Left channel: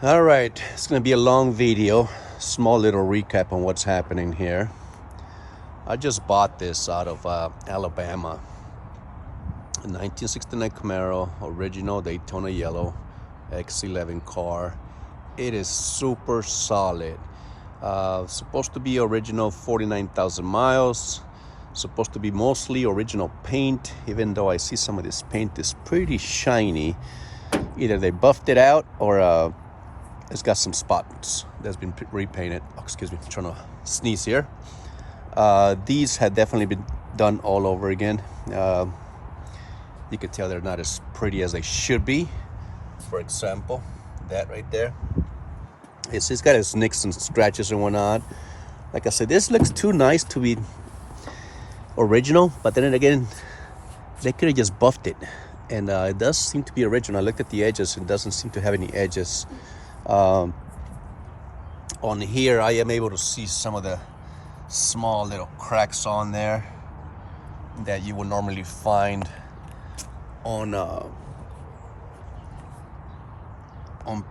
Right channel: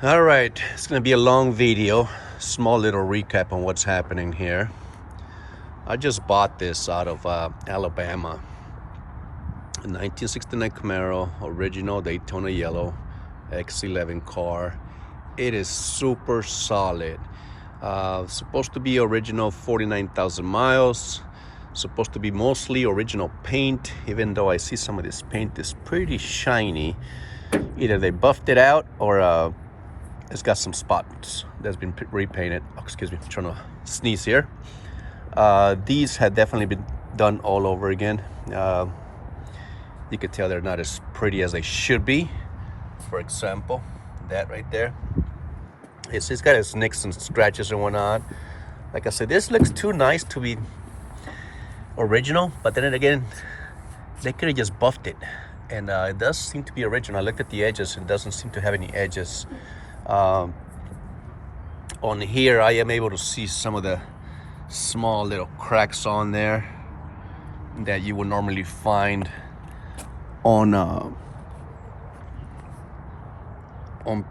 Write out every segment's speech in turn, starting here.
All right, it's gonna be a long video. Small little recap on what's happening here. I just bought this out of Alabama. A 1969 Camaro, original Daytona yellow, X11 car. It is super solid. Supposed to be original, 49,000 miles. Supposed to be mostly original paint, even though I see some of this paint is pretty shiny. Either they buffed it out or it's got some spots that's been repainted. Oh, excuse me, I'm trying to sneeze here. These had definitely been done all over again. You could tell they're not as pretty as they should be. For example, that right there. It's got its nicks and scratches and whatnot. Like I said, this looks too nice to be original, but then again, they could have just buffed it. And it does seem to be original. I looked at the edges, it doesn't seem to have any edges. On here I am able to see some of the small little cracks on there that you would normally find on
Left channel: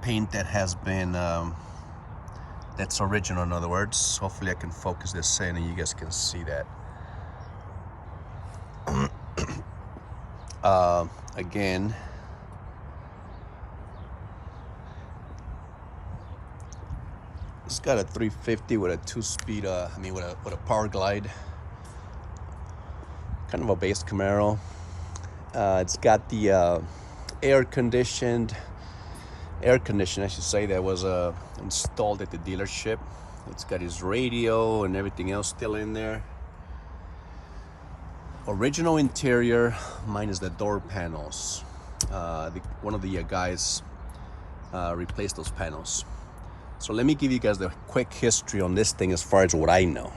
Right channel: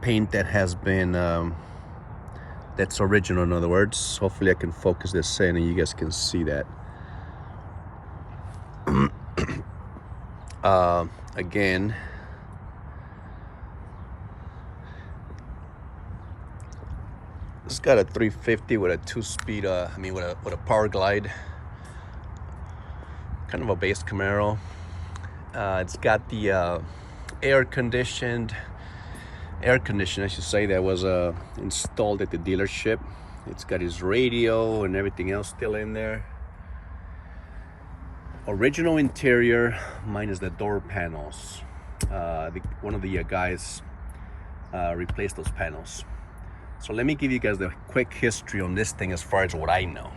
paint that has been that's original, in other words. Hopefully I can focus this in and you guys can see that. Again, it's got a 350 with a 2-speed, with a power glide. Kind of a base Camaro. It's got the air condition, I should say, that was installed at the dealership. It's got his radio and everything else still in there. Original interior, minus the door panels. One of the guys replaced those panels. So let me give you guys the quick history on this thing as far as what I know.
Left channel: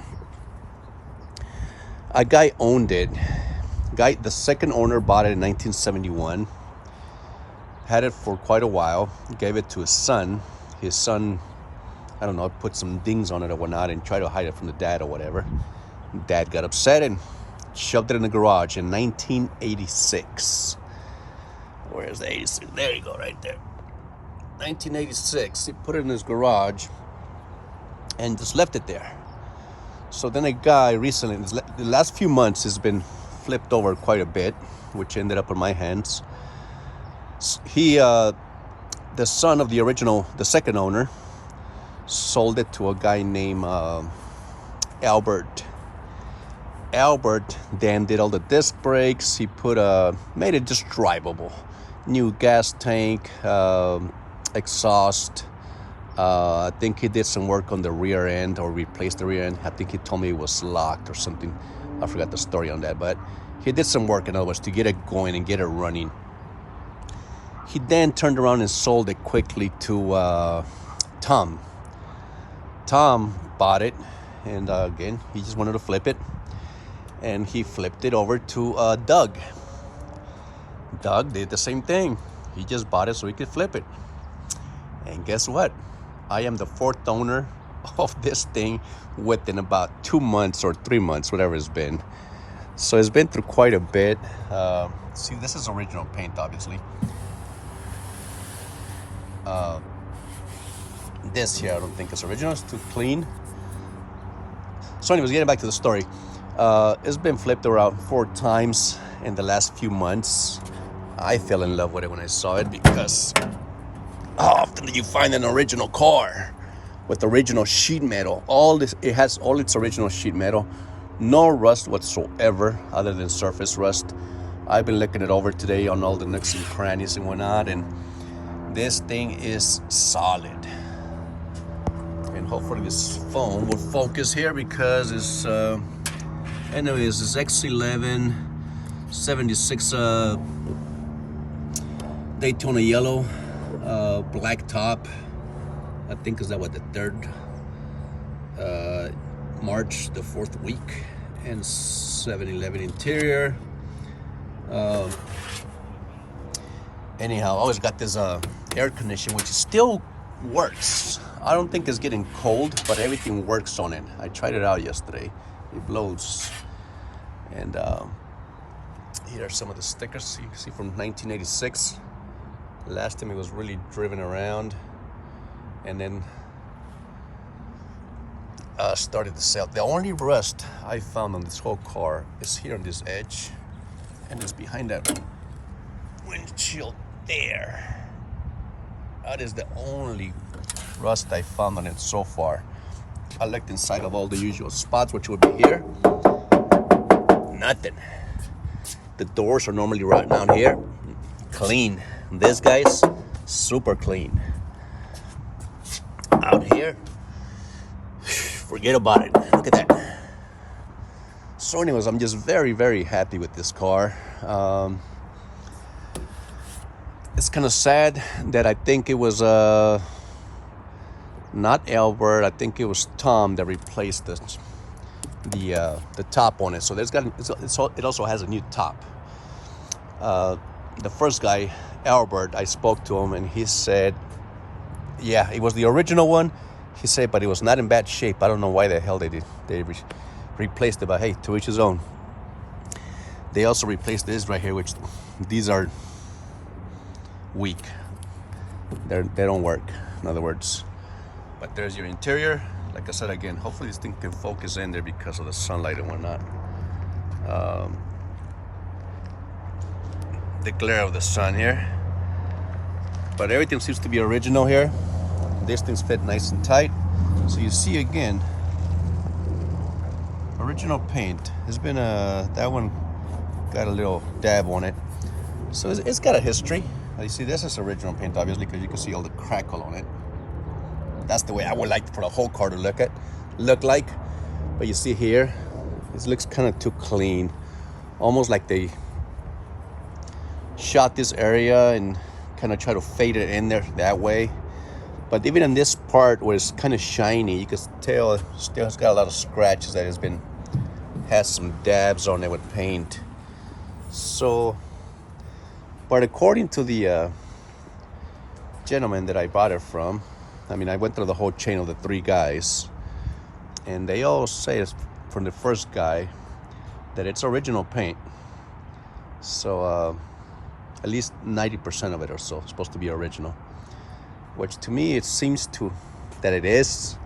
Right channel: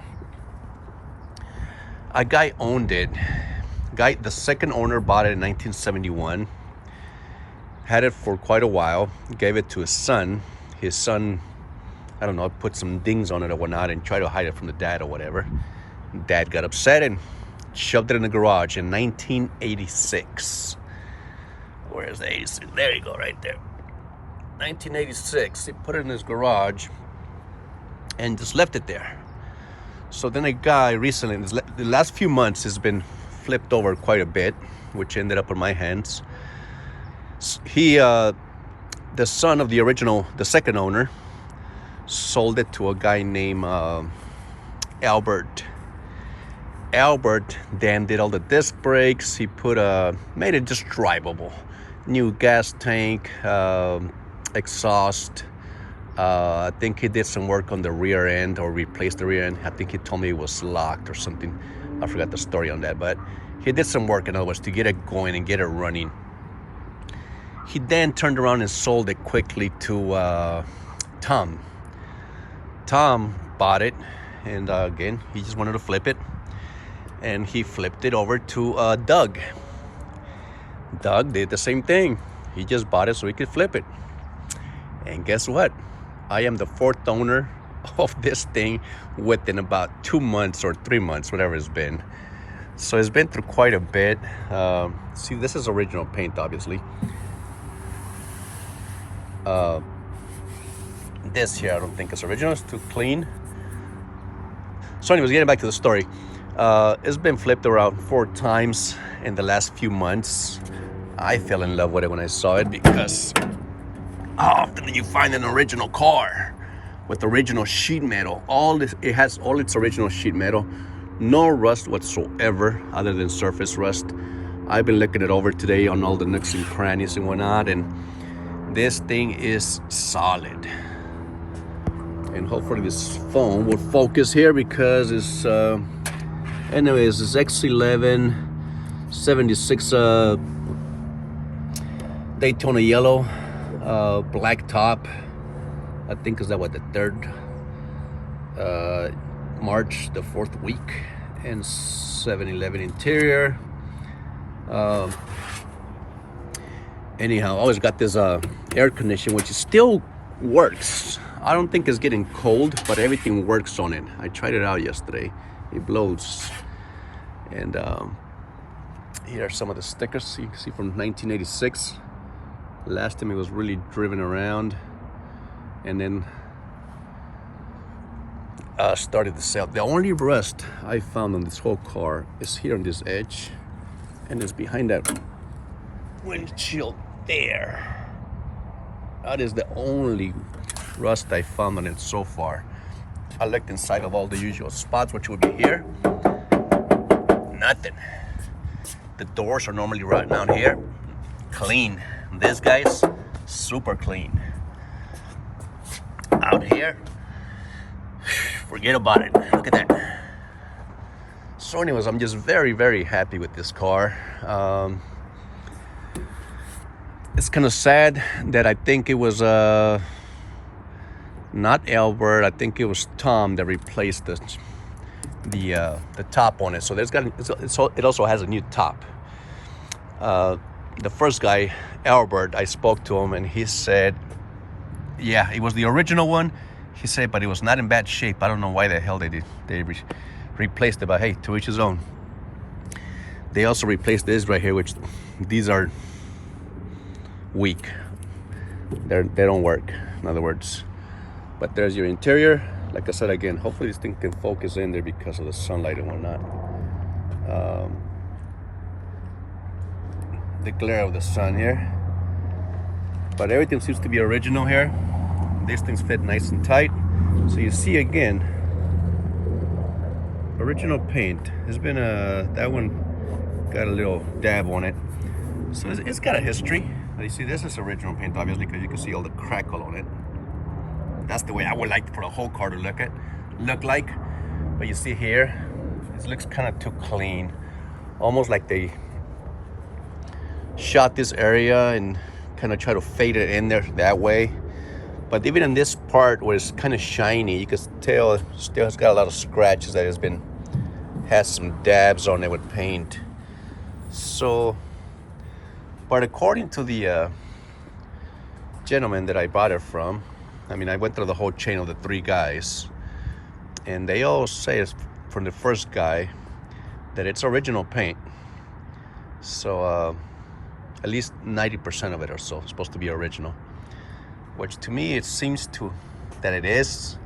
A guy owned it. The second owner bought it in 1971. Had it for quite a while. Gave it to his son. His son, I don't know, put some dings on it or whatnot and tried to hide it from the dad or whatever. Dad got upset and shoved it in the garage in 1986. Where's the 86? There you go, right there. 1986, he put it in his garage and just left it there. So then a guy recently, the last few months, has been flipped over quite a bit, which ended up in my hands. He, the son of the second owner, sold it to a guy named Albert. Albert then did all the disc brakes. He made it just drivable. New gas tank, exhaust. I think he did some work on the rear end, or replaced the rear end. I think he told me it was locked or something. I forgot the story on that, but he did some work, in other words, to get it going and get it running. He then turned around and sold it quickly to Tom. Tom bought it, and again, he just wanted to flip it, and he flipped it over to Doug. Doug did the same thing. He just bought it so he could flip it. And guess what? I am the fourth owner of this thing within about 2 months or 3 months, whatever it's been. So it's been through quite a bit. See, this is original paint, obviously. This here, I don't think it's original. It's too clean. So anyways, getting back to the story. It's been flipped around 4 times in the last few months. I fell in love with it when I saw it, because how often do you find an original car with original sheet metal? It has all its original sheet metal, no rust whatsoever other than surface rust. I've been looking it over today on all the nooks and crannies and whatnot, and this thing is solid. And hopefully this phone will focus here, because it's anyways, it's X11 76 Daytona yellow, black top. I think is that what, the 3rd March, the 4th week, and 711 interior. Anyhow, I always got this air condition, which still works. I don't think it's getting cold, but everything works on it. I tried it out yesterday. It blows. And here are some of the stickers you can see from 1986. Last time it was really driven around. and then started to sell. The only rust I found on this whole car is here on this edge, and it's behind that windshield there. That is the only rust I found on it so far. I looked inside of all the usual spots, which would be here. Nothing. The doors are normally right down here. Clean. This guy's super clean. Out here, forget about it. Look at that. So anyways, I'm just very, very happy with this car. It's kind of sad that I think it was not Albert. I think it was Tom that replaced the top on it. So it also has a new top. The first guy, Albert, I spoke to him and he said, yeah, it was the original one. He said, but it was not in bad shape. I don't know why the hell they replaced it, but hey, to each his own. They also replaced this right here, which these are weak. They don't work, in other words. But there's your interior. Like I said again, hopefully this thing can focus in there because of the sunlight and whatnot. The glare of the sun here. But everything seems to be original here. This thing's fit nice and tight. So you see again, original paint. There's been that one got a little dab on it. So it's got a history. You see, this is original paint, obviously, because you can see all the crackle on it. That's the way I would like for the whole car to look like. But you see here, this looks kind of too clean. Almost like they shot this area and kind of try to fade it in there that way. But even in this part where it's kind of shiny, you can tell it still has got a lot of scratches that has some dabs on it with paint. So, but according to the gentleman that I bought it from, I mean, I went through the whole chain of the three guys, and they all say it's from the first guy that it's original paint. So at least 90% of it or so is supposed to be original, which to me it seems that it is,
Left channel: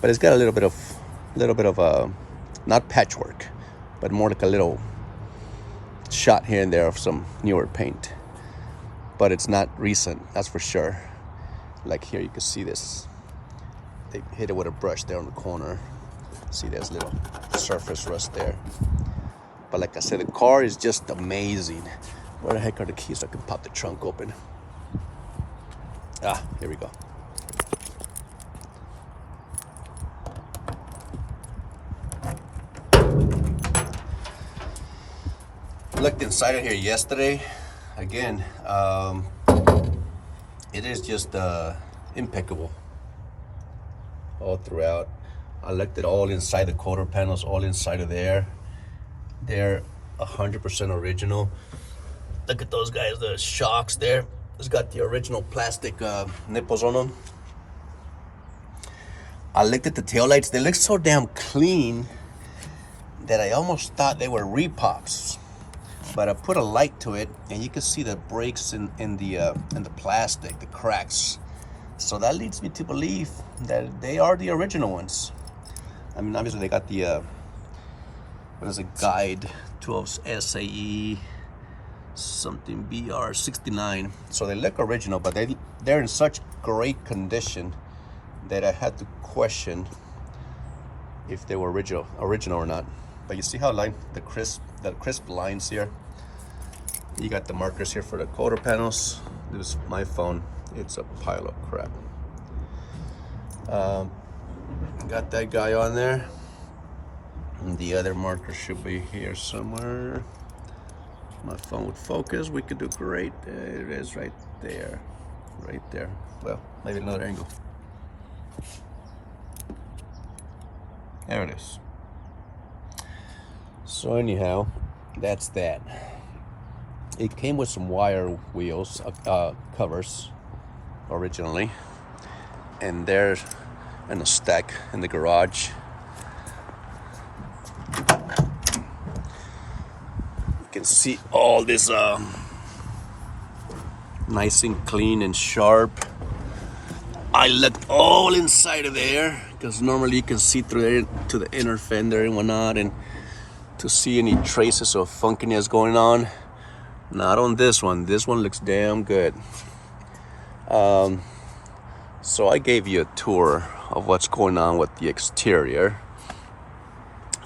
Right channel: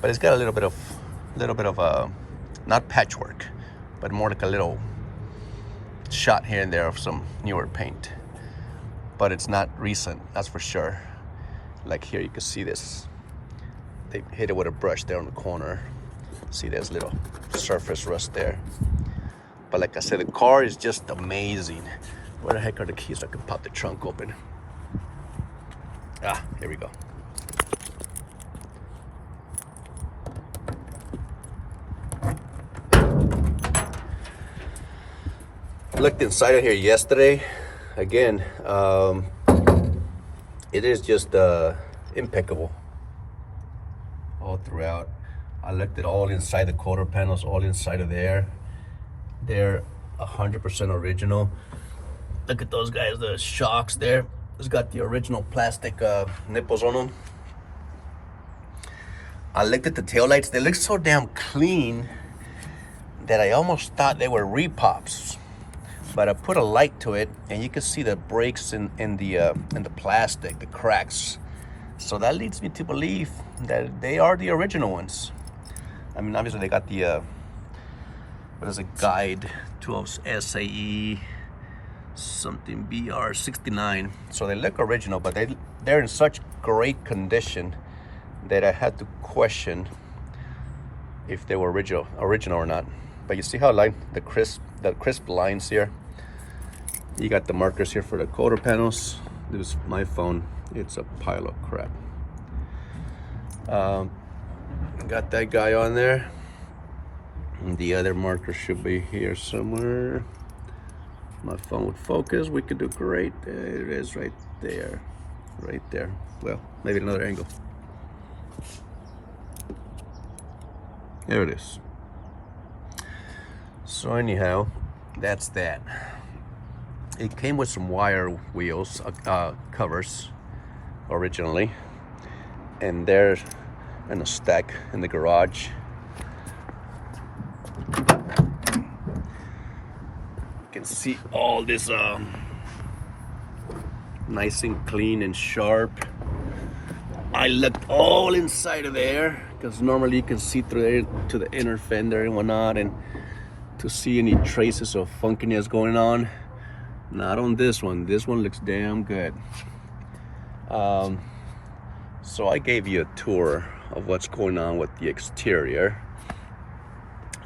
but it's got a little bit of not patchwork, but more like a little shot here and there of some newer paint. But it's not recent, that's for sure. Like here you can see this, they hit it with a brush there on the corner. See, there's a little surface rust there. But like I said, the car is just amazing. Where the heck are the keys so I can pop the trunk open? Ah, here we go. Looked inside of here yesterday. Again, it is just impeccable all throughout. I looked at all inside the quarter panels, all inside of there. They're 100% original. Look at those guys, the shocks there. It's got the original plastic nipples on them. I looked at the taillights. They look so damn clean that I almost thought they were repops. But I put a light to it, and you can see the breaks in the plastic, the cracks. So that leads me to believe that they are the original ones. I mean, obviously they got the what is a guide 12 SAE something BR69. So they look original, but they're in such great condition that I had to question if they were original or not. But you see how the crisp lines here. You got the markers here for the quarter panels. This is my phone. It's a pile of crap. Got that guy on there. And the other marker should be here somewhere. My phone would focus. We could do great. There it is, right there. Right there. Well, maybe another angle. There it is. So anyhow, that's that. It came with some wire wheels, covers, originally. And they're in a stack in the garage. You can see all this nice and clean and sharp. I looked all inside of there because normally you can see through there to the inner fender and whatnot, and to see any traces of funkiness going on. Not on this one. This one looks damn good. So I gave you a tour of what's going on with the exterior.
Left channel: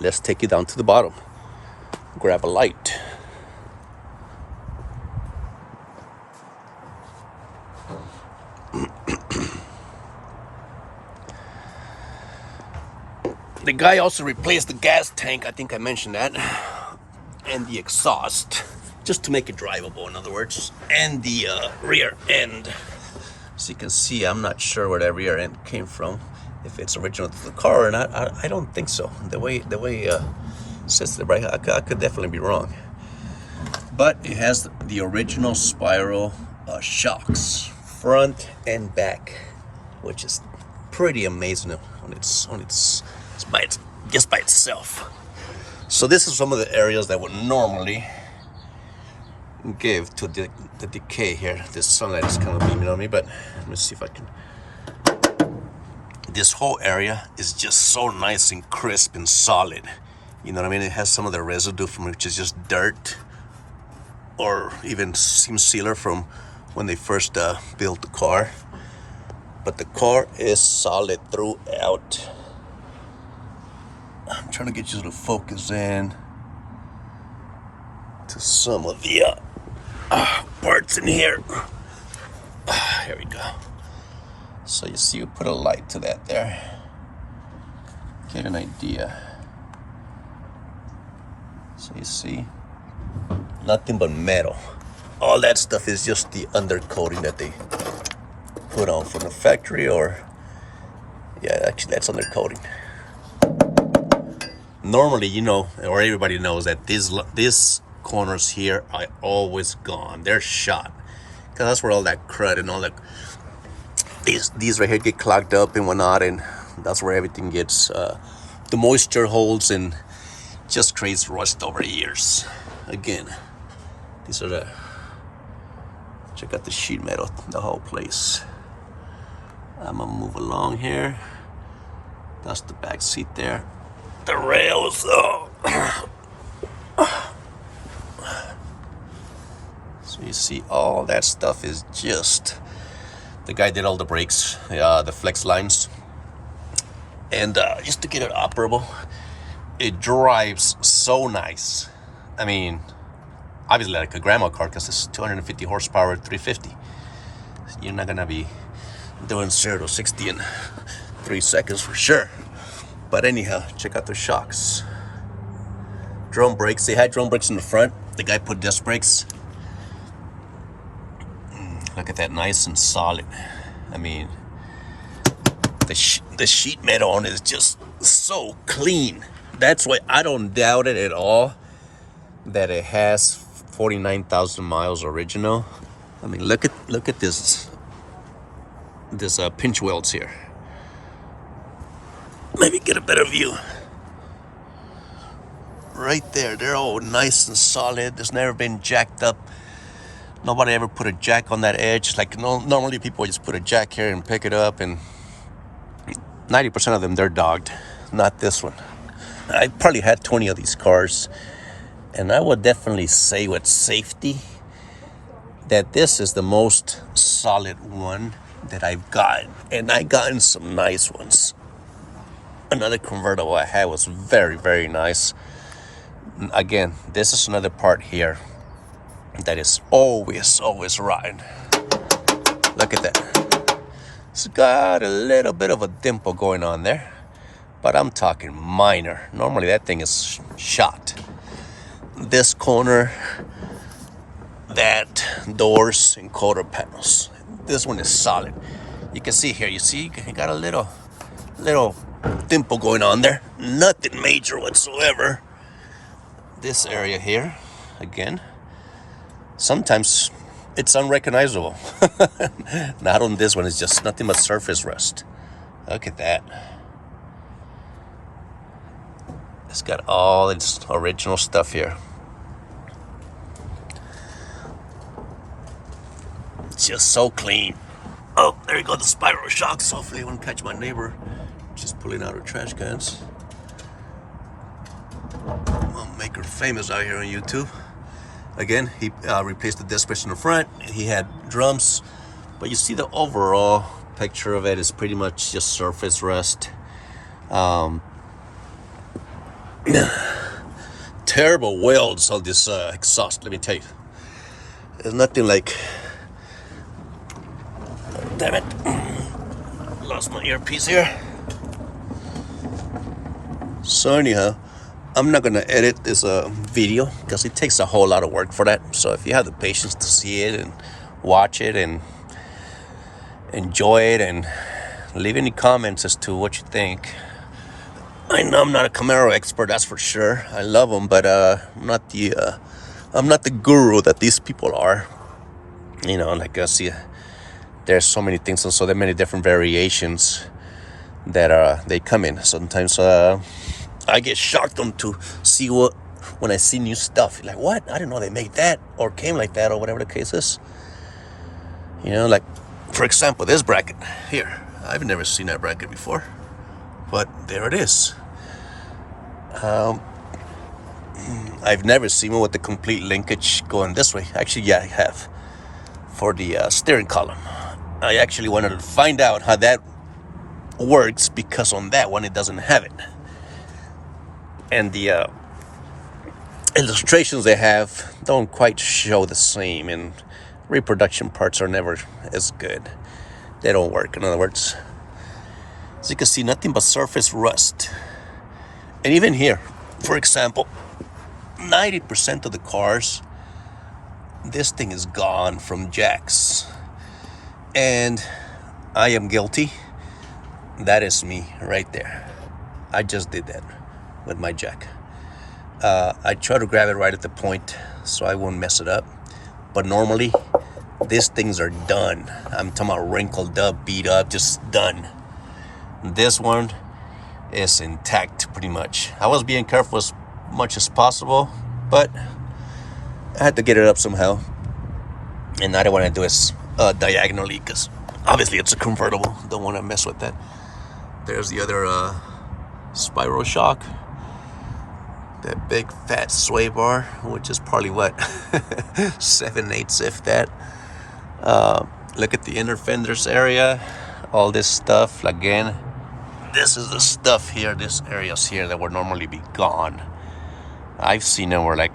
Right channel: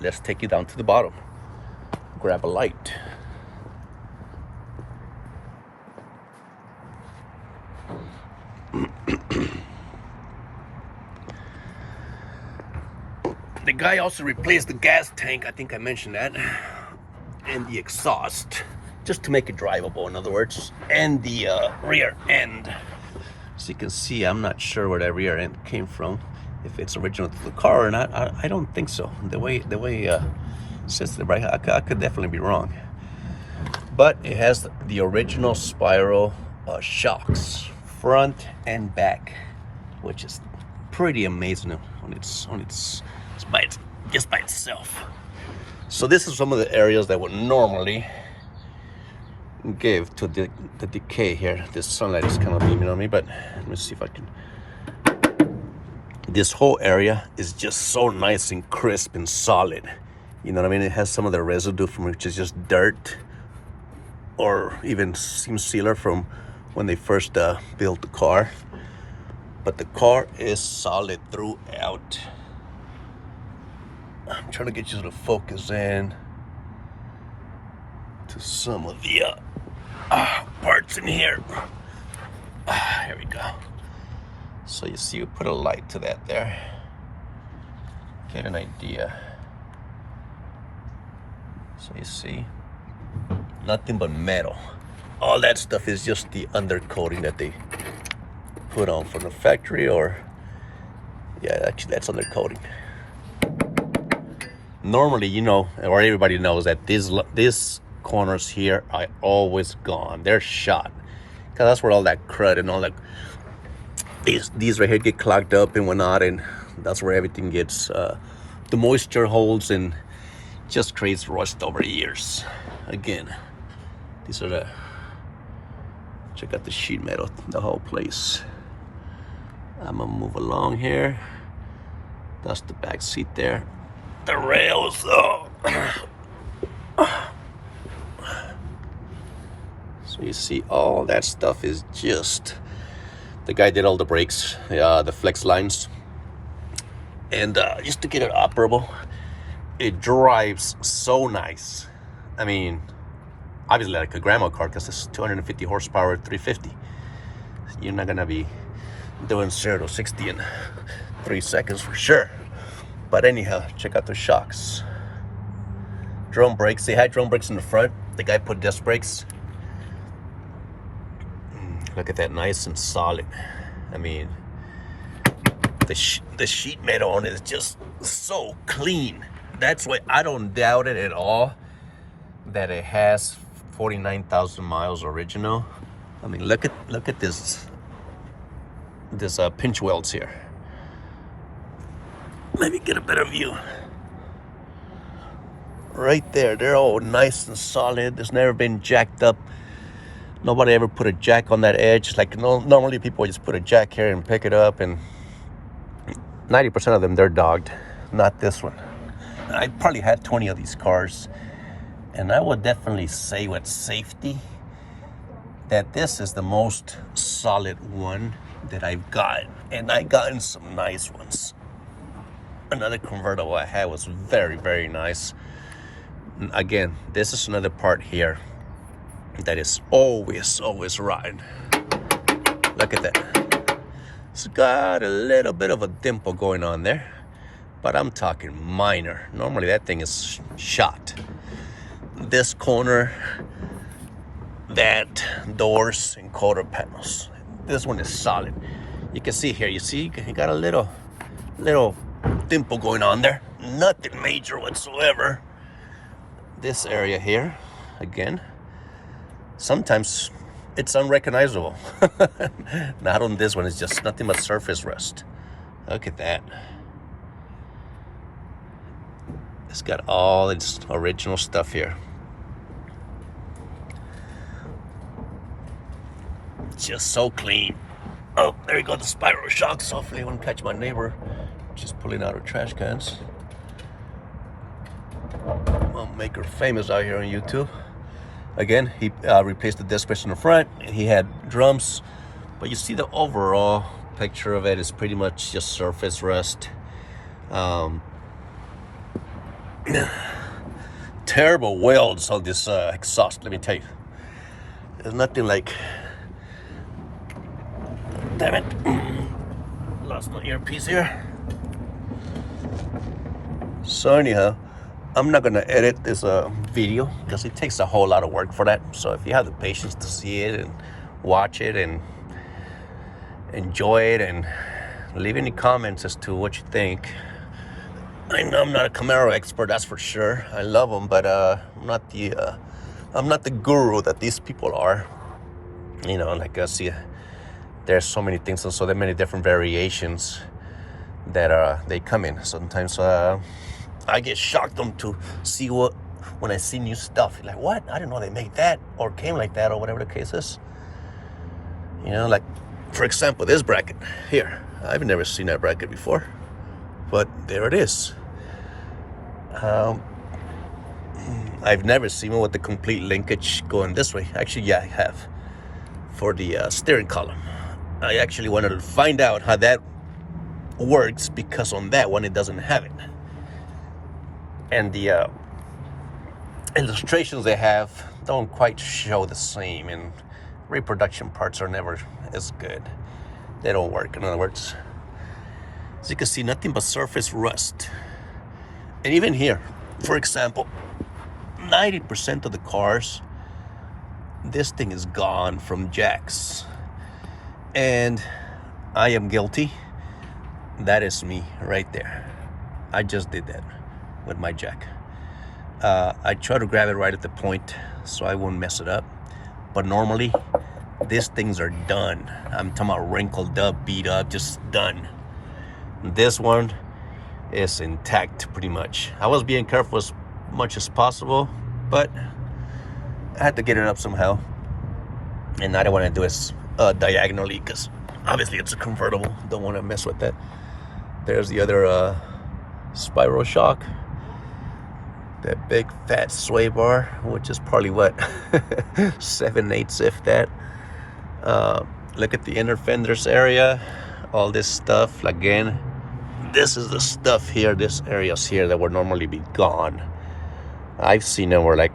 Let's take you down to the bottom. Grab a light. The guy also replaced the gas tank, I think I mentioned that, and the exhaust, just to make it drivable, in other words, and the rear end. So you can see, I'm not sure where that rear end came from, if it's original to the car or not. I don't think so. The way it says it, right? I could definitely be wrong. But it has the original spiral shocks, front and back, which is pretty amazing on its just by itself. So this is some of the areas that would normally give to the decay here. This sunlight is kind of beaming on me, but let me see if I can. This whole area is just so nice and crisp and solid. You know what I mean? It has some of the residue from which is just dirt, or even seam sealer from when they first built the car. But the car is solid throughout. I'm trying to get you to focus in to some of the parts in here. Here we go. So you see, we put a light to that there. Get an idea. So you see, nothing but metal. All that stuff is just the undercoating that they put on from the factory, or yeah, actually that's undercoating. Normally, you know, or everybody knows that these corners here are always gone. They're shot, because that's where all that crud and all that, these right here get clogged up and whatnot, and that's where everything gets the moisture holds and just creates rust over years. Again, these are the, check out the sheet metal, the whole place. I'm gonna move along here. That's the back seat there. The rails, oh. So you see, all that stuff is just, the guy did all the brakes, the flex lines, and just to get it operable. It drives so nice. I mean, obviously like a grandma car, because it's 250 horsepower, 350. You're not gonna be doing 0 to 60 in 3 seconds for sure. But anyhow, check out the shocks. Drum brakes. They had drum brakes in the front. The guy put disc brakes. Look at that, nice and solid. I mean, the sheet metal on it is just so clean. That's why I don't doubt it at all that it has 49,000 miles original. I mean, look at this pinch welds here. Let me get a better view. Right there, they're all nice and solid. There's never been jacked up. Nobody ever put a jack on that edge. Like, normally people just put a jack here and pick it up, and 90% of them, they're dogged. Not this one. I probably had 20 of these cars, and I would definitely say with safety that this is the most solid one that I've gotten. And I've gotten some nice ones. Another convertible I had was very, very nice. Again, this is another part here that is always rotten. Look at that. It's got a little bit of a dimple going on there, but I'm talking minor. Normally that thing is shot. This corner, that, doors and quarter panels. This one is solid. You can see here, you see, you got a little dimple going on there. Nothing major whatsoever. This area here, again, sometimes it's unrecognizable. Not on this one, it's just nothing but surface rust. Look at that. It's got all its original stuff here. It's just so clean. Oh, there you go, the spiral shocks. Hopefully it won't catch my neighbor just pulling out her trash cans. I'll make her famous out here on YouTube. Again, he replaced the disc brakes in the front. He had drums, but you see the overall picture of it is pretty much just surface rust. Terrible welds on this exhaust, let me tell you. There's nothing like... Damn it. Lost my earpiece here. So anyhow, I'm not gonna edit this video because it takes a whole lot of work for that. So if you have the patience to see it and watch it and enjoy it and leave any comments as to what you think. I know I'm not a Camaro expert, that's for sure. I love them, but I'm not the guru that these people are. You know, like I see, there's so many things and so many different variations that they come in. Sometimes I get shocked on to see when I see new stuff. Like, what? I didn't know they made that or came like that or whatever the case is. You know, like, for example, this bracket here. I've never seen that bracket before, but there it is. I've never seen one with the complete linkage going this way. Actually, yeah, I have. For the steering column. I actually wanted to find out how that works because on that one, it doesn't have it. And the illustrations they have don't quite show the same, and reproduction parts are never as good. They don't work, in other words. As you can see, nothing but surface rust. And even here, for example, 90% of the cars, this thing is gone from jacks. And I am guilty. That is me right there. I just did that with my jack. I try to grab it right at the point so I won't mess it up. But normally, these things are done. I'm talking about wrinkled up, beat up, just done. This one is intact pretty much. I was being careful as much as possible, but I had to get it up somehow. And I don't want to do it diagonally because obviously it's a convertible. Don't want to mess with that. There's the other spiral shock. That big fat sway bar, which is probably what, 7/8 if that. Look at the inner fenders area. All this stuff, again, this is the stuff here, this areas here that would normally be gone. I've seen them where like,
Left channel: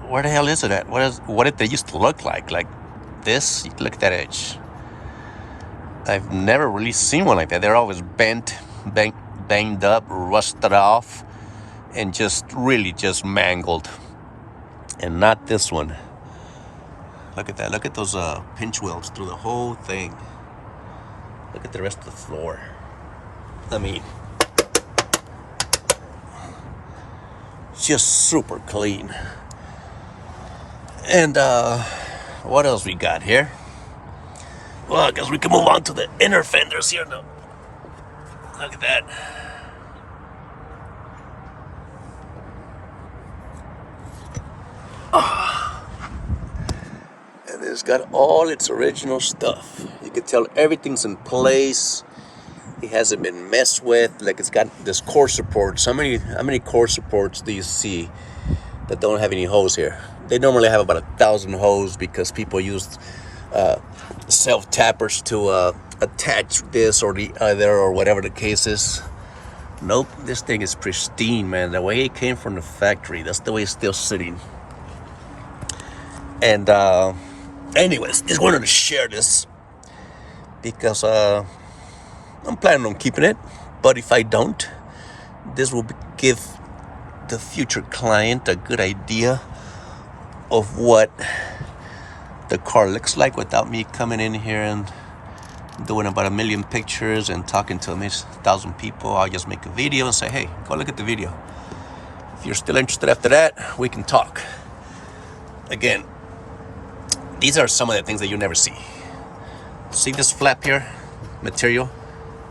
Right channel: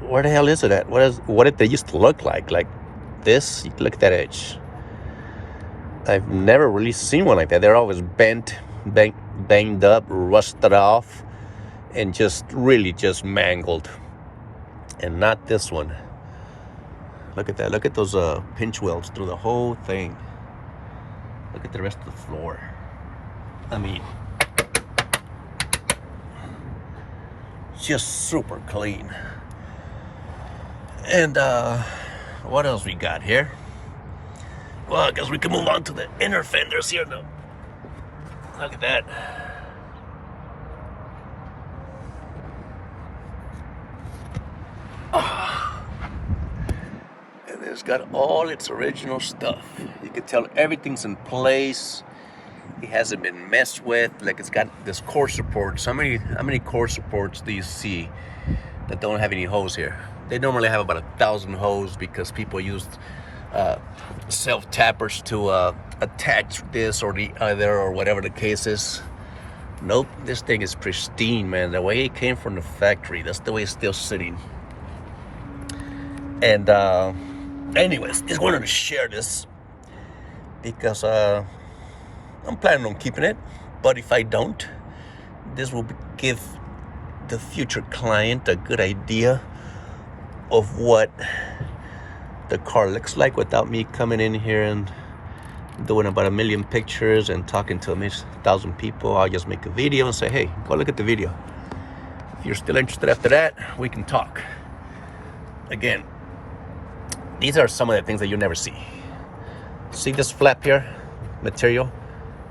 where the hell is it at? What did they used to look like? Like this, look at that edge. I've never really seen one like that. They're always bent, banged up, rusted off, and just really just mangled. And not this one. Look at that. Look at those pinch welds through the whole thing. Look at the rest of the floor. I mean, just super clean. And what else we got here? Well, I guess we can move on to the inner fenders here now. Look at that. And it's got all its original stuff. You can tell everything's in place. It hasn't been messed with. Like, it's got this core support. How many core supports do you see that don't have any hose here? They normally have about 1,000 hose because people use self tappers to attach this or the other or whatever the case is. Nope, this thing is pristine, man. The way it came from the factory, that's the way it's still sitting. And anyways, just wanted to share this because I'm planning on keeping it. But if I don't, this will give the future client a good idea of what the car looks like without me coming in here and doing about 1 million pictures and talking to 1,000 people. I'll just make a video and say, hey, go look at the video. If you're still interested after that, we can talk. Again, these are some of the things that you never see. See this flap here? Material?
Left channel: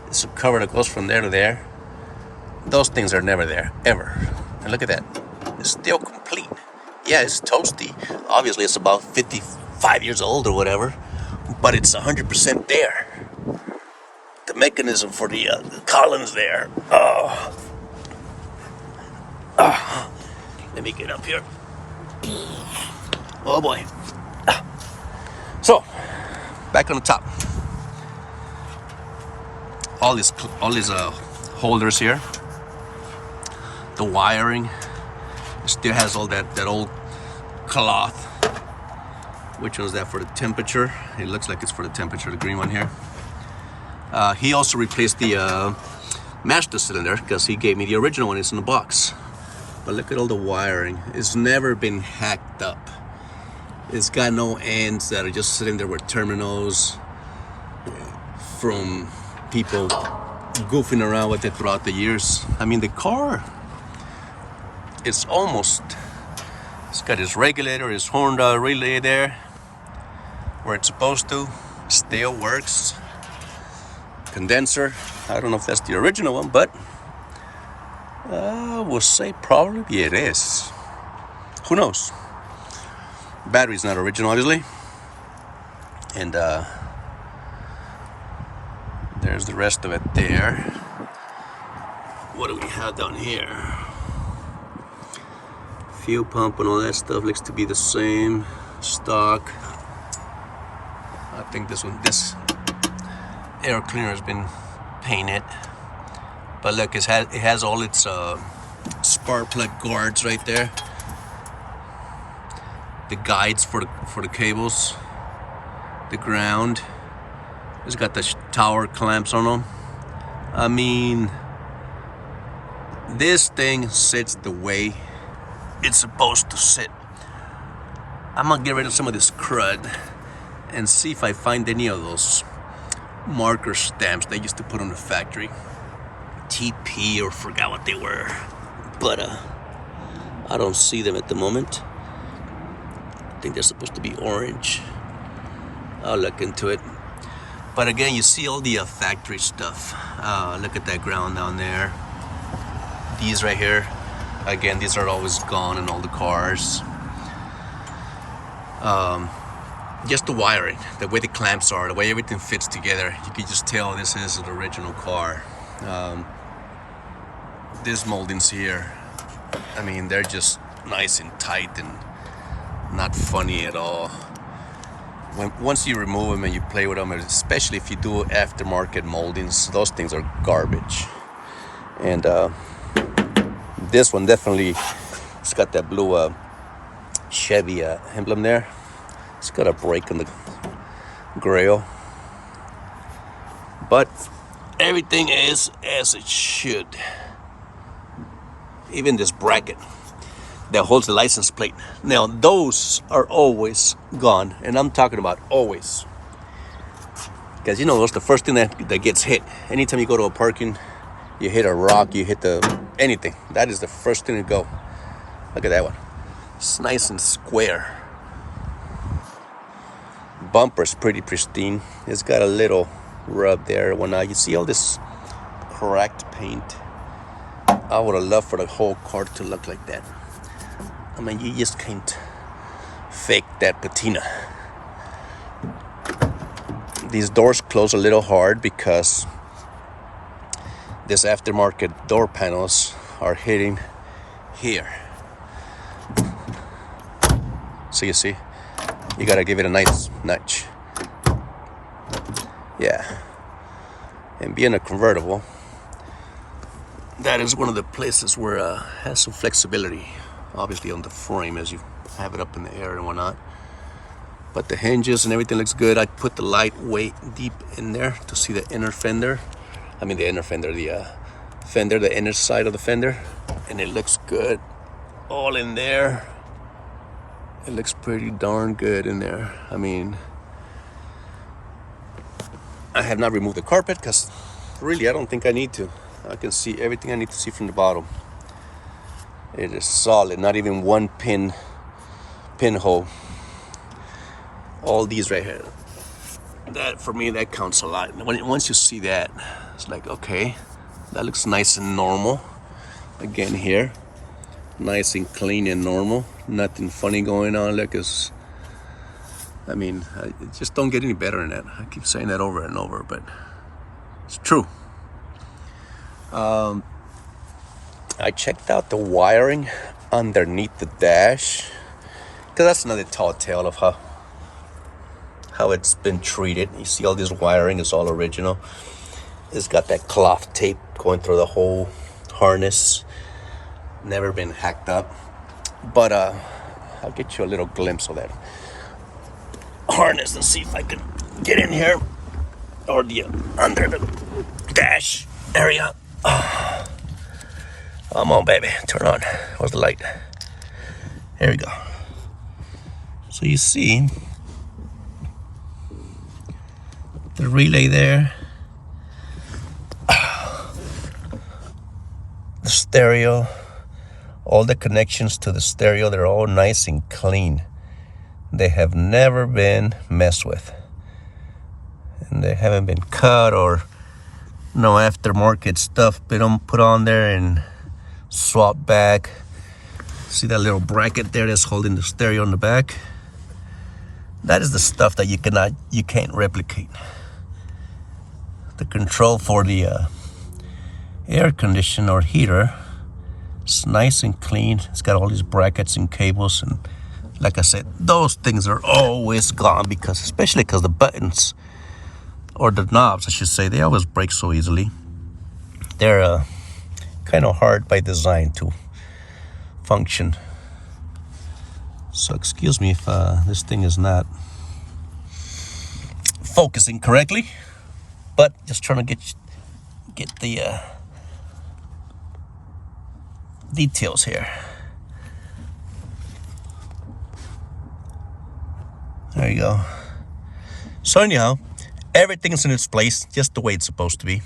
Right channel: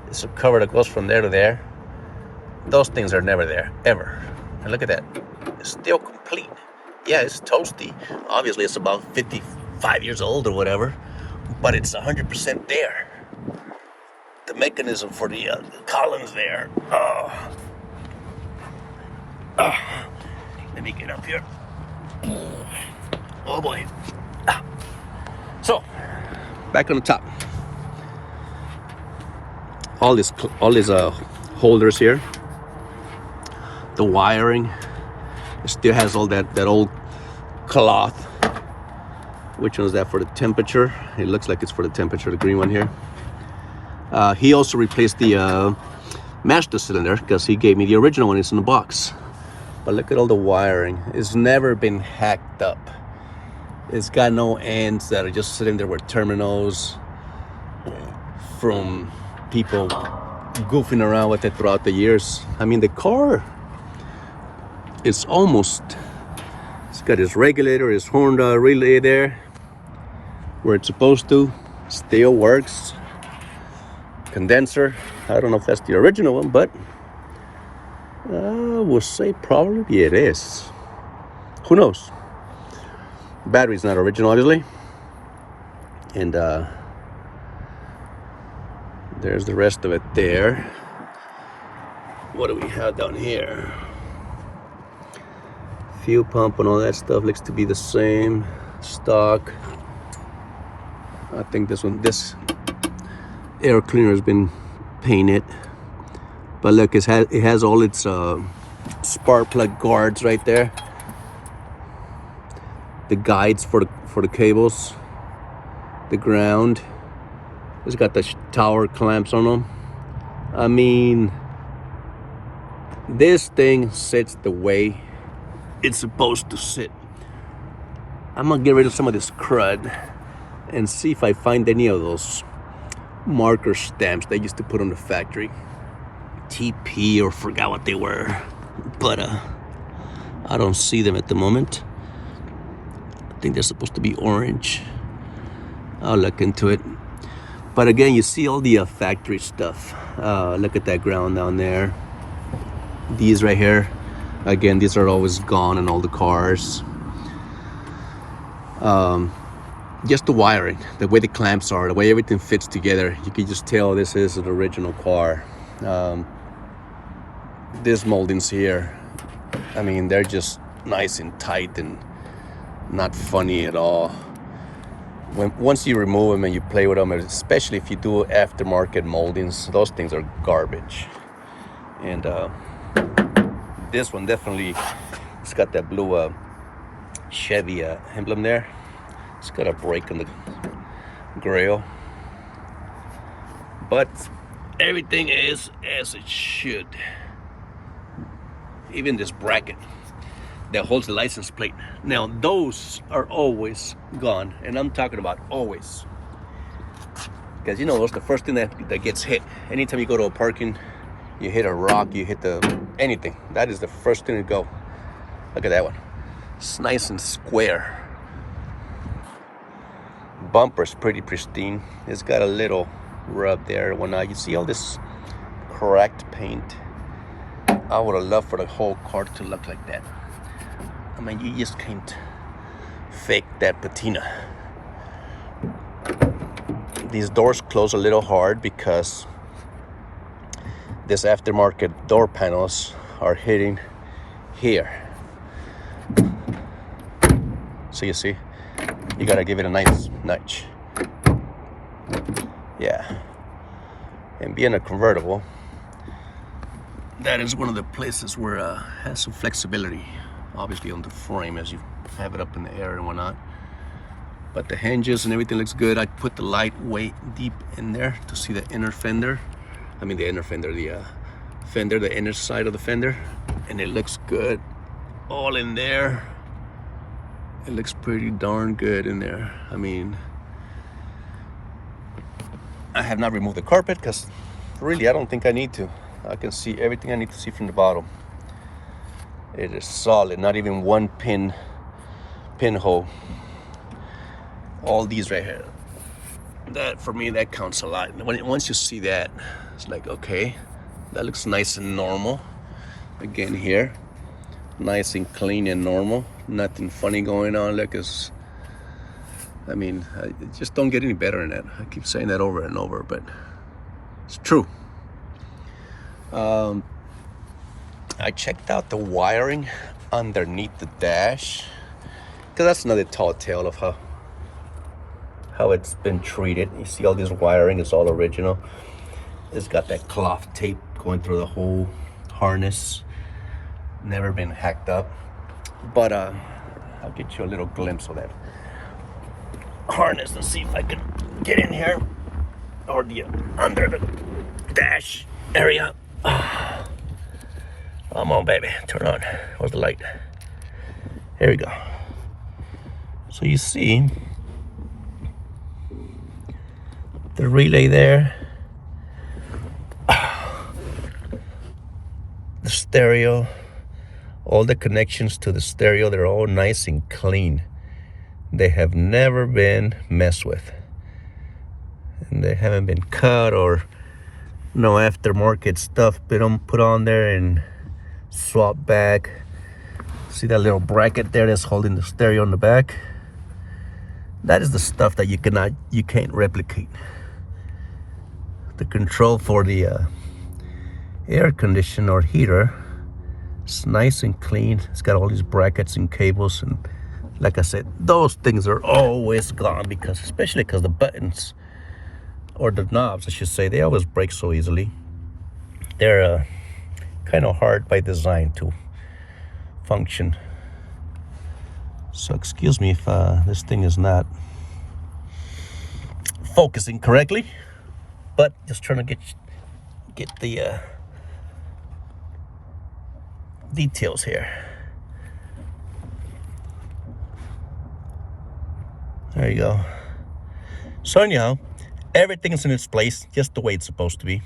It's a cover that goes from there to there. Those things are never there, ever. And look at that. It's still complete. Yeah, it's toasty. Obviously, it's about 55 years old or whatever, but it's 100% there. mechanism for the columns there. Let me get up here. Oh boy. So, back on the top. All these holders here. The wiring, it still has all that old cloth. Which one is that for the temperature? It looks like it's for the temperature, the green one here. He also replaced the master cylinder because he gave me the original one. It's in the box. But look at all the wiring. It's never been hacked up. It's got no ends that are just sitting there with terminals from people goofing around with it throughout the years. I mean, the car is almost, it's got his regulator, his horn relay there where it's supposed to. Still works. Condenser, I don't know if that's the original one, but we'll say probably it is. Who knows? Battery's not original, obviously. And there's the rest of it there. What do we have down here? Fuel pump and all that stuff looks to be the same stock. I think this air cleaner has been painted, but look, it has all its spark plug guards right there. The guides for the cables, the ground. It's got the tower clamps on them. I mean, this thing sits the way it's supposed to sit. I'm gonna get rid of some of this crud and see if I find any of those marker stamps they used to put on the factory. TP or forgot what they were, but I don't see them at the moment. I think they're supposed to be orange. I'll look into it. But again, you see all the factory stuff. Look at that ground down there. These right here, again, these are always gone in all the cars. Just the wiring, the way the clamps are, the way everything fits together, you can just tell this is an original car. These moldings here, I mean, they're just nice and tight and not funny at all. Once you remove them and you play with them, especially if you do aftermarket moldings, those things are garbage. And this one definitely, it's got that blue Chevy emblem there. It's got a break in the grill, but everything is as it should. Even this bracket that holds the license plate. Now those are always gone, and I'm talking about always, because you know that's the first thing that gets hit. Anytime you go to a parking, you hit a rock, you hit anything, that is the first thing to go. Look at that one. It's nice and square. Bumper's pretty pristine. It's got a little rub there. When you see all this cracked paint, I would have loved for the whole car to look like that. I mean, you just can't fake that patina. These doors close a little hard because this aftermarket door panels are hitting here. So you see, you gotta give it a nice nudge. Yeah. And being a convertible, that is one of the places where it has some flexibility, obviously on the frame as you have it up in the air and whatnot. But the hinges and everything looks good. I put the light way deep in there to see the inner fender. I mean the inner fender, the fender, the inner side of the fender. And it looks good all in there. It looks pretty darn good in there. I mean, I have not removed the carpet because really I don't think I need to. I can see everything I need to see from the bottom. It is solid, not even one pinhole. All these right here. That, for me, that counts a lot. Once you see that, it's like, okay, that looks nice and normal. Again here, nice and clean and normal. Nothing funny going on. Look, I just don't get any better than that. I keep saying that over and over, but It's true. I checked out the wiring underneath the dash, because that's another tall tale of how it's been treated. You see all this wiring is all original. It's got that cloth tape going through the whole harness. Never been hacked up. But I'll get you a little glimpse of that harness. Let's see if I can get in here, or the under the dash area. Come on, baby, turn on. Where's the light? Here we go. So you see the relay there, the stereo, all the connections to the stereo, they're all nice and clean. They have never been messed with, and they haven't been cut or no aftermarket stuff been put on there and swapped back. See that little bracket there that's holding the stereo in the back? That is the stuff that you can't replicate. The control for the air conditioner or heater, it's nice and clean. It's got all these brackets and cables, and like I said, those things are always gone, especially because the buttons, or the knobs I should say, they always break so easily. They're kind of hard by design to function. So excuse me if this thing is not focusing correctly, but just trying to get the details here. There you go. So anyhow, everything's in its place, just the way it's supposed to be.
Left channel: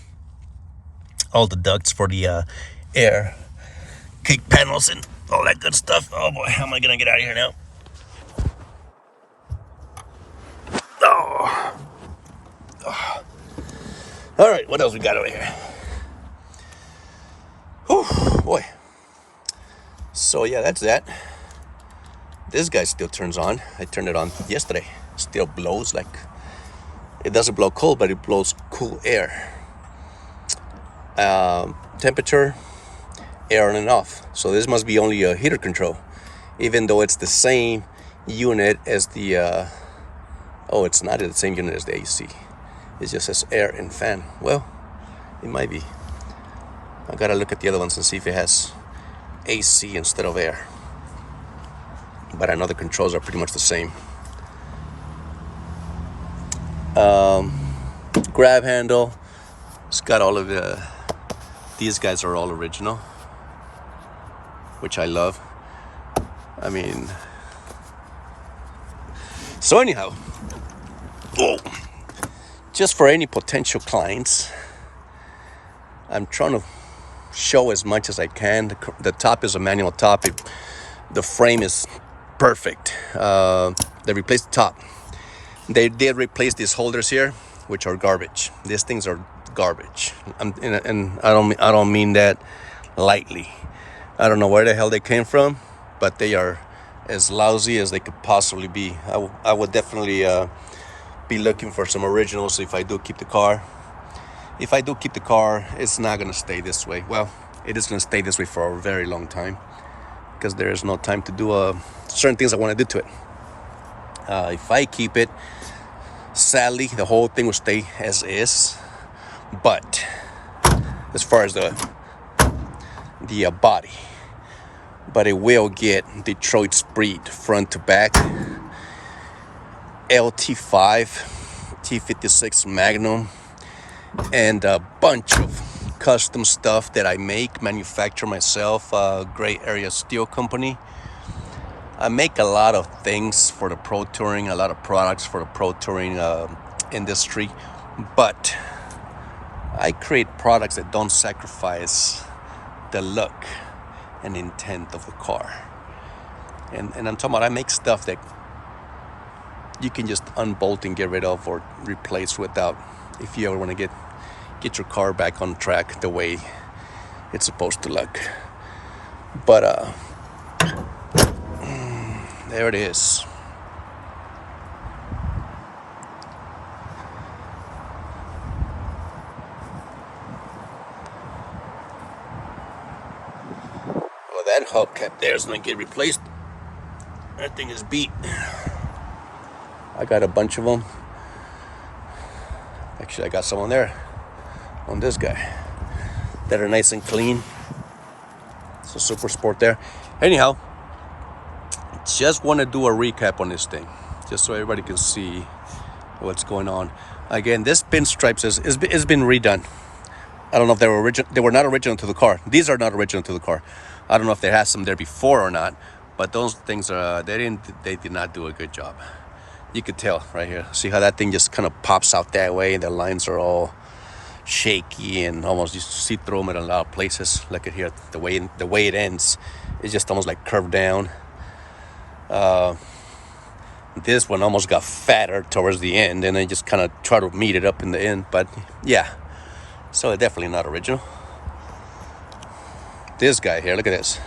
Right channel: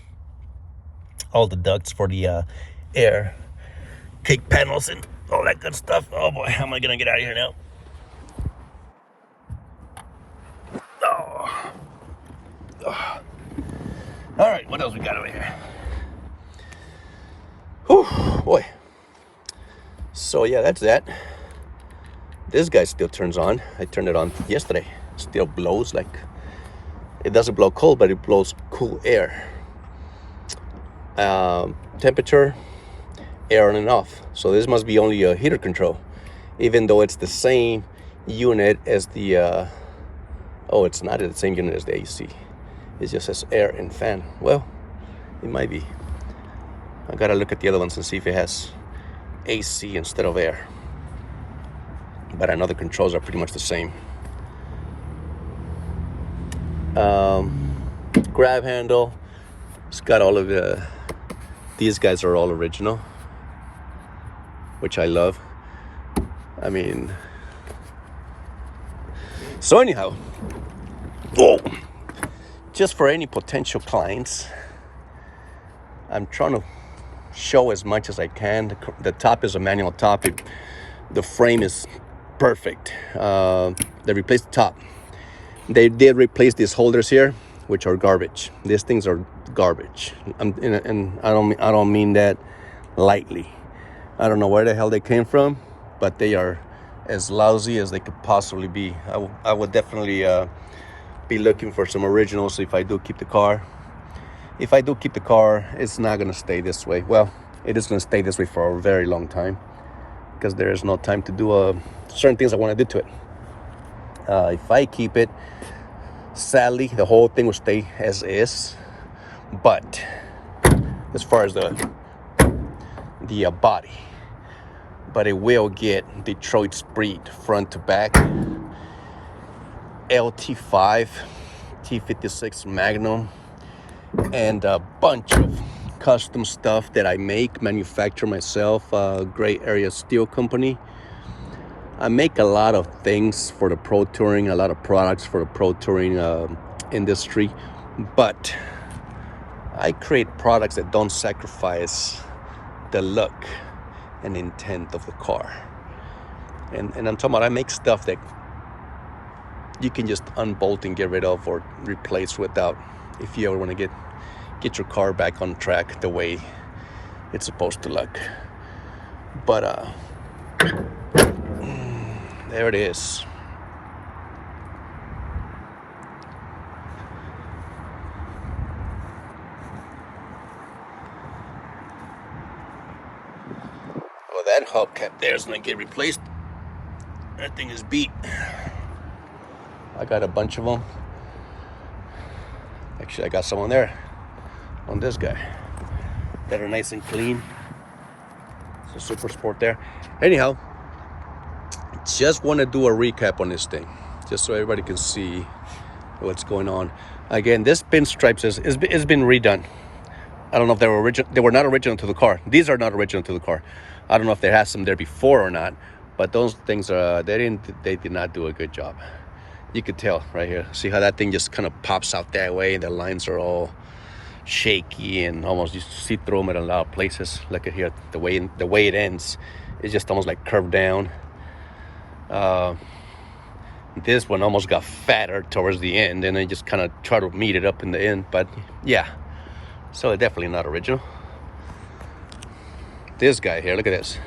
All the ducts for the air kick panels and all that good stuff. Oh boy, how am I gonna get out of here now? Oh. Oh. All right, what else we got over here? Whew, boy. So yeah, that's that. This guy still turns on. I turned it on yesterday. Still blows like, it doesn't blow cold, but it blows cool air. Temperature, air on and off. So this must be only a heater control, even though it's the same unit as the it's not the same unit as the AC. It just says air and fan. Well, it might be. I gotta look at the other ones and see if it has AC instead of air, but I know the controls are pretty much the same. Grab handle, it's got all of these guys are all original, which I love. I mean, so anyhow, just for any potential clients, I'm trying to show as much as I can. The top is a manual top. The frame is perfect. They replaced the top. They did replace these holders here, which are garbage. These things are garbage, and I don't mean that lightly. I don't know where the hell they came from, but they are as lousy as they could possibly be. I would definitely be looking for some originals if I do keep the car. If I do keep the car, it's not going to stay this way. Well, it is going to stay this way for a very long time, because there is no time to do certain things I want to do to it. If I keep it, sadly, the whole thing will stay as is. But as far as the body, but it will get Detroit's breed front to back, LT5, T56 Magnum, and a bunch of custom stuff that I manufacture myself. Gray Area Steel Company. I make a lot of things for the pro touring, a lot of products for the pro touring industry, but I create products that don't sacrifice the look and intent of the car. And I'm talking about, I make stuff that you can just unbolt and get rid of or replace without, if you ever want to get your car back on track the way it's supposed to look. But there it is. That hubcap there is gonna get replaced. That thing is beat. I got a bunch of them. Actually, I got some on there, on this guy, that are nice and clean. It's a Super Sport there. Anyhow, just want to do a recap on this thing, just so everybody can see what's going on. Again, this pinstripes is been redone. I don't know if they were original. They were not original to the car. These are not original to the car. I don't know if they had some there before or not, but those things are they did not do a good job. You could tell right here. See how that thing just kind of pops out that way, and the lines are all shaky and almost you see through them in a lot of places. Look at here, the way it ends, it's just almost like curved down. This one almost got fatter towards the end, and I just kind of try to meet it up in the end. But yeah, so they're definitely not original. This guy here, look at this.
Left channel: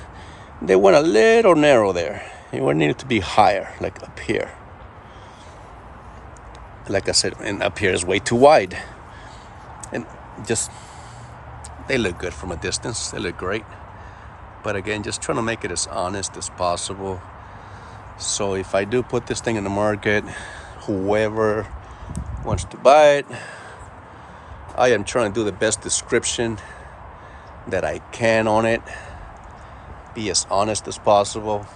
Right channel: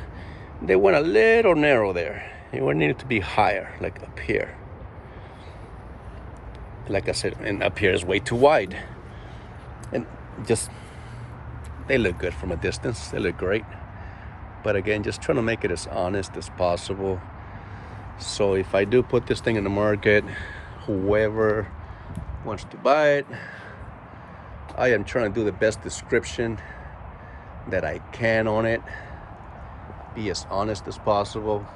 They went a little narrow there. It would need to be higher, like up here. Like I said, and up here is way too wide. And just, they look good from a distance. They look great. But again, just trying to make it as honest as possible. So if I do put this thing in the market, whoever wants to buy it, I am trying to do the best description that I can on it. Be as honest as possible.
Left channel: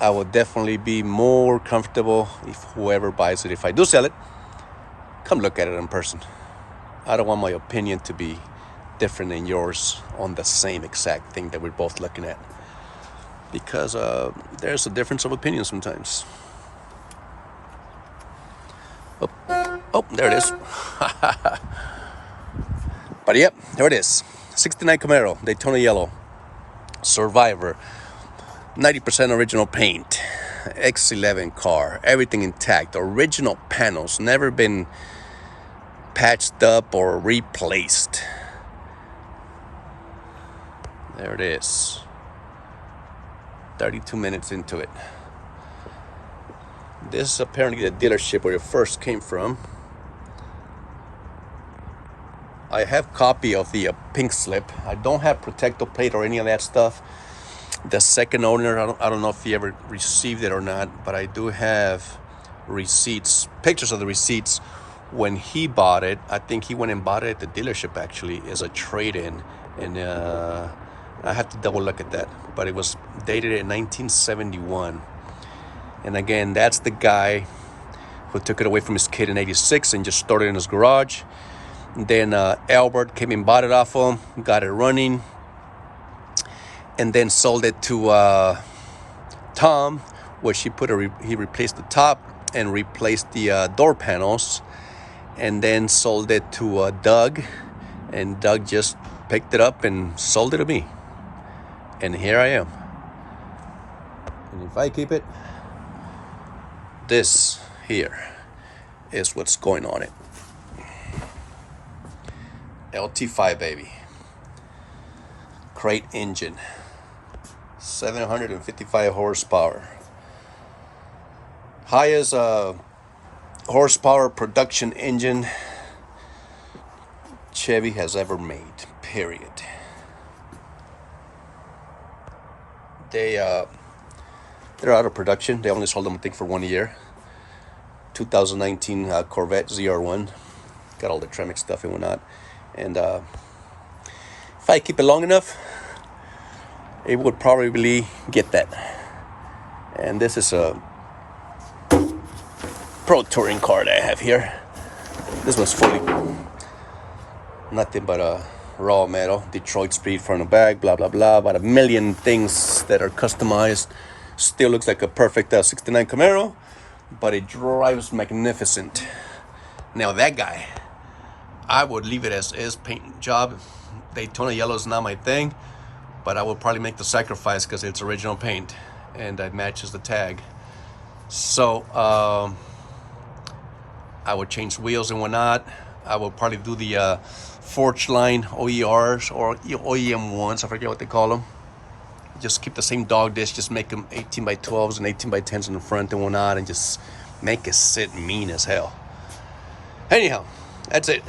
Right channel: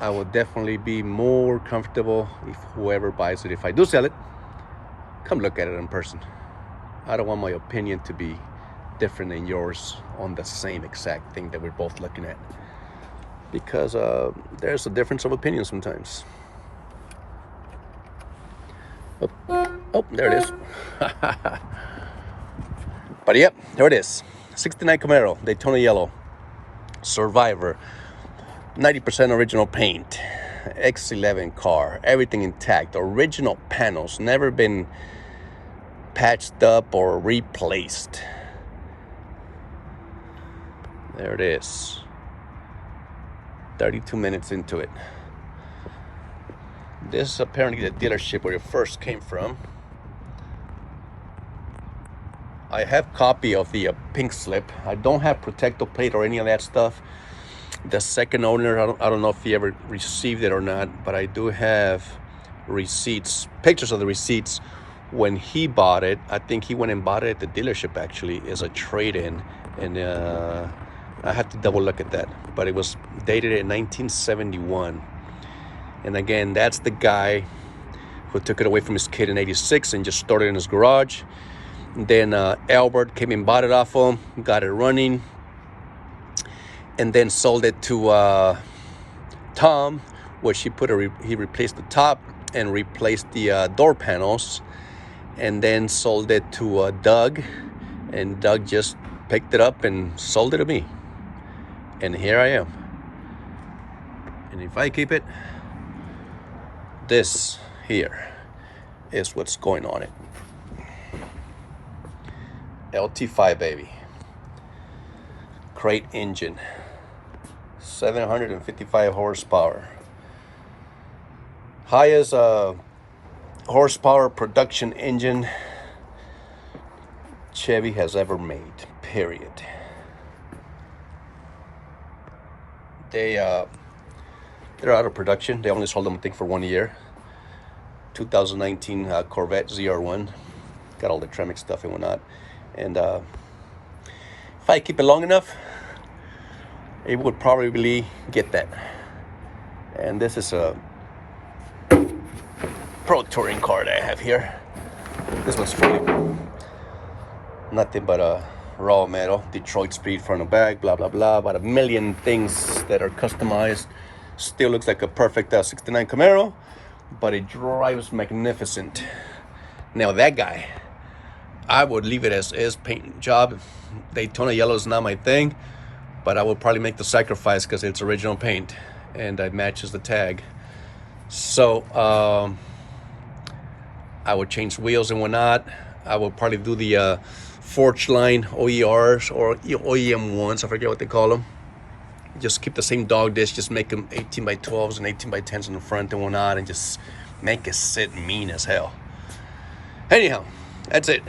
I will definitely be more comfortable if whoever buys it, if I do sell it, come look at it in person. I don't want my opinion to be different than yours on the same exact thing that we're both looking at, because there's a difference of opinion sometimes. Oh, there it is. But yep, there it is. 69 Camaro, Daytona yellow, Survivor, 90% original paint, X11 car, everything intact, original panels, never been patched up or replaced. There it is. 32 minutes into it. This is apparently the dealership where it first came from. I have copy of the pink slip. I don't have protective plate or any of that stuff. The second owner, I don't know if he ever received it or not, but I do have receipts, pictures of the receipts when he bought it. I think he went and bought it at the dealership actually as a trade-in, and I have to double look at that, but it was dated in 1971. And again, that's the guy who took it away from his kid in 86 and just stored it in his garage. Then Albert came and bought it off him, got it running, and then sold it to Tom, which he replaced the top and replaced the door panels, and then sold it to Doug, and Doug just picked it up and sold it to me, and here I am. And if I keep it, this here is what's going on it. LT5 baby, crate engine, 755 horsepower, highest horsepower production engine Chevy has ever made, period. They're out of production. They only sold them, I think, for 1 year. 2019 Corvette ZR1, got all the Tremec stuff and whatnot. And if I keep it long enough, it would probably get that. And this is a Pro Touring car that I have here. This one's fully nothing but a raw metal, Detroit speed front and back, blah blah blah, about a million things that are customized. Still looks like a perfect 69 Camaro, but it drives magnificent. Now that guy, I would leave it as is, paint job. Daytona yellow is not my thing, but I will probably make the sacrifice because it's original paint and it matches the tag. So I would change wheels and whatnot. I will probably do the Forge Line OERs or OEM ones, I forget what they call them. Just keep the same dog disc, just make them 18 by 12s and 18 by 10s in the front and whatnot, and just make it sit mean as hell. Anyhow, that's it.